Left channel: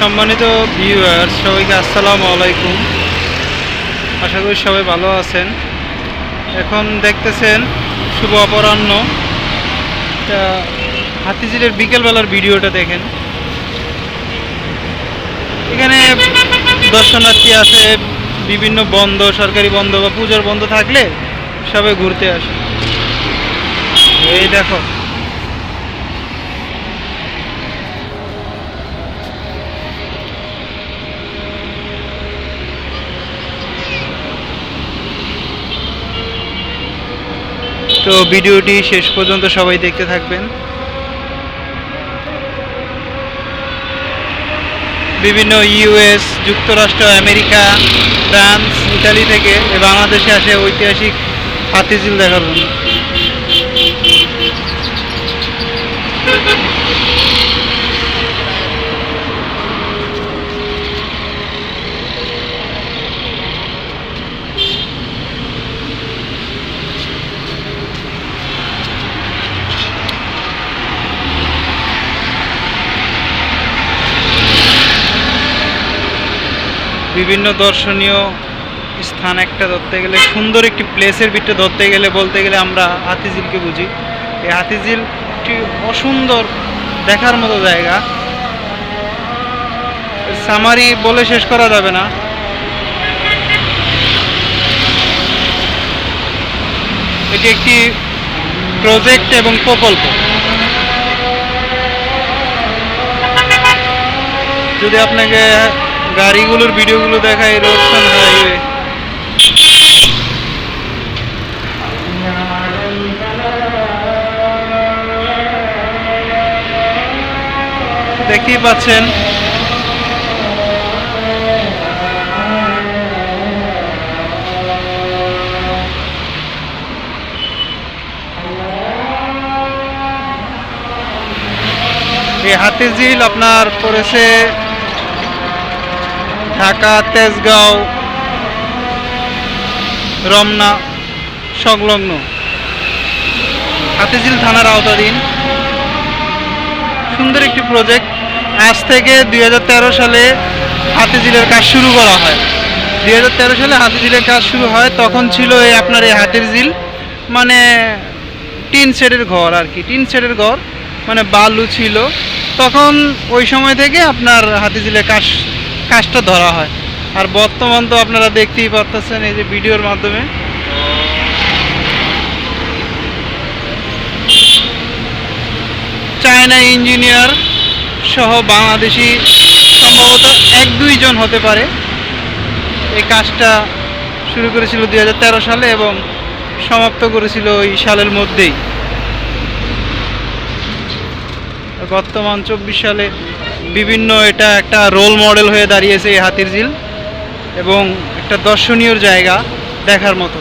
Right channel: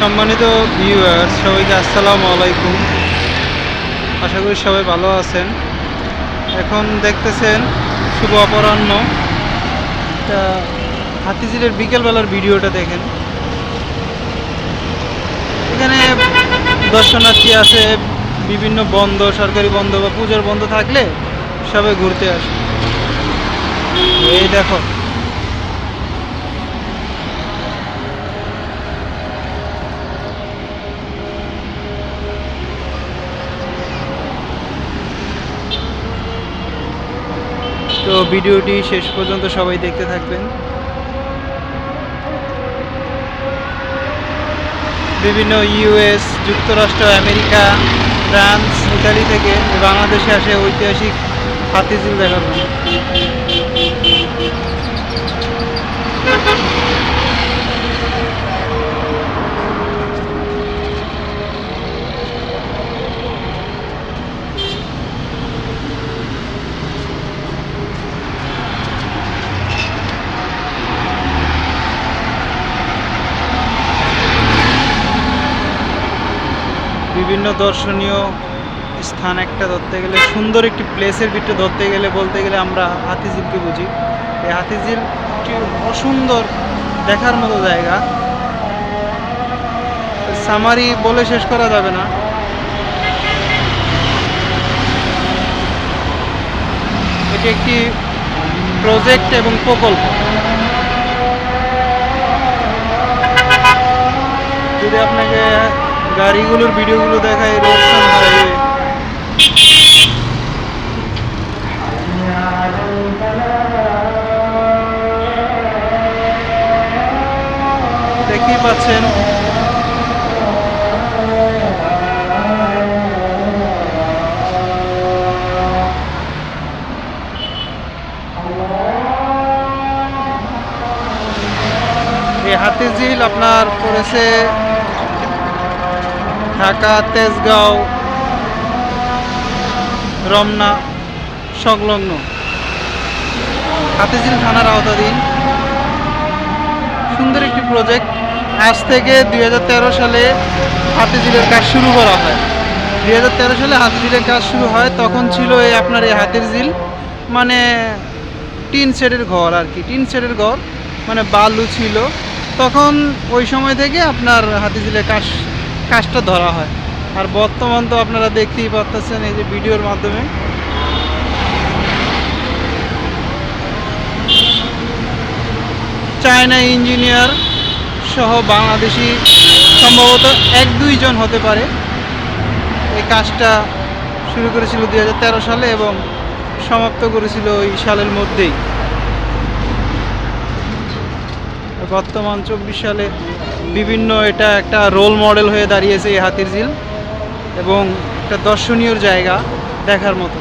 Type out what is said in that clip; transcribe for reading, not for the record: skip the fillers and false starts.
সম্মানিত ভিউয়ার্স, সবাইকে আসসালামু আলাইকুম। আশা করি সবাই ভালো আছেন। এখন দেখতেছেন শুভ অপরাহ্ন। হাতিঝিলের বিকেলবেলার ভিডিওটা দেখেন। এখানে দর্শনার্থী আছে, বিভিন্ন বন্ধ, সরকারি বন্ধ বা পূজার বন্ধ থাকলে সবাই ঘুরতে আসে। এই দেখো, তো ভিডিওটি শেষ পর্যন্ত সবাই দেখতে থাকবেন। বিভিন্ন ইউএস, যুক্তরাষ্ট্র, আমেরিকা, ফ্রান্স, ইতালি থেকে বাংলাদেশে আসে ঐতিহাসিক হাতিঝিল দেখার জন্য। বিভিন্ন দর্শনীয় স্থান একটা ধরতে গেলে, সুন্দর একটি প্লেসের ভিতরে ধরতে গেলে, বলতে গেলে আমরা হাতিঝিলকে বুঝি। এই হাতিঝিল একটি অসুন্দর দেখার মতো জায়গা, সামারি বলে শেষ করা যাবে না। এটি একটি প্রজেক্ট এবং প্রকল্প। যদি আপনাকে গাড়িগুলোর ভিডিওগুলো দেখায়, রোডসান হাইওয়ে, দেখতেই পাচ্ছেন। এই হাতিঝিল আপনার পড়েছে ঢাকা, তেজগাঁও, রমনা সংলগ্ন হাতিঝিল থানার আওতাধীন সুন্দর একটি প্রজেক্ট। আজ থেকে 2013 সালে হাতিঝিলের কাজ শুরু করা হয়। 2013 সালে হাতিঝিলের কাজ শুরু হয়। তখন ছিল আপনার এই হাতিঝিল মানে টিন শেডের ঘর আর কি, টিন শেডের ঘর, মানে বালু ছিল তখন। ওই সময় থেকে আপনার হাতিঝিলের কাজটা ধরা হয়। আর বর্তমান তো আপনারা দেখতেই পাচ্ছেন এই যে ভিডিওর মাধ্যমে। চায়না ইঞ্জিনিয়ার সহ বাংলাদেশি সম্ভবত 1-2 জন হতে পারে এই কাজটা শুরু করেছিল 2013 সালে এবং সমাপ্ত করেছিল ওই সালের মধ্যেই। বর্তমান 24 সালে বিভিন্ন এটা একটা রোল মডেল হয়ে দাঁড়িয়েছে এই হাতিঝিল এবং একটা দর্শনীয় জায়গা দেখার মতো।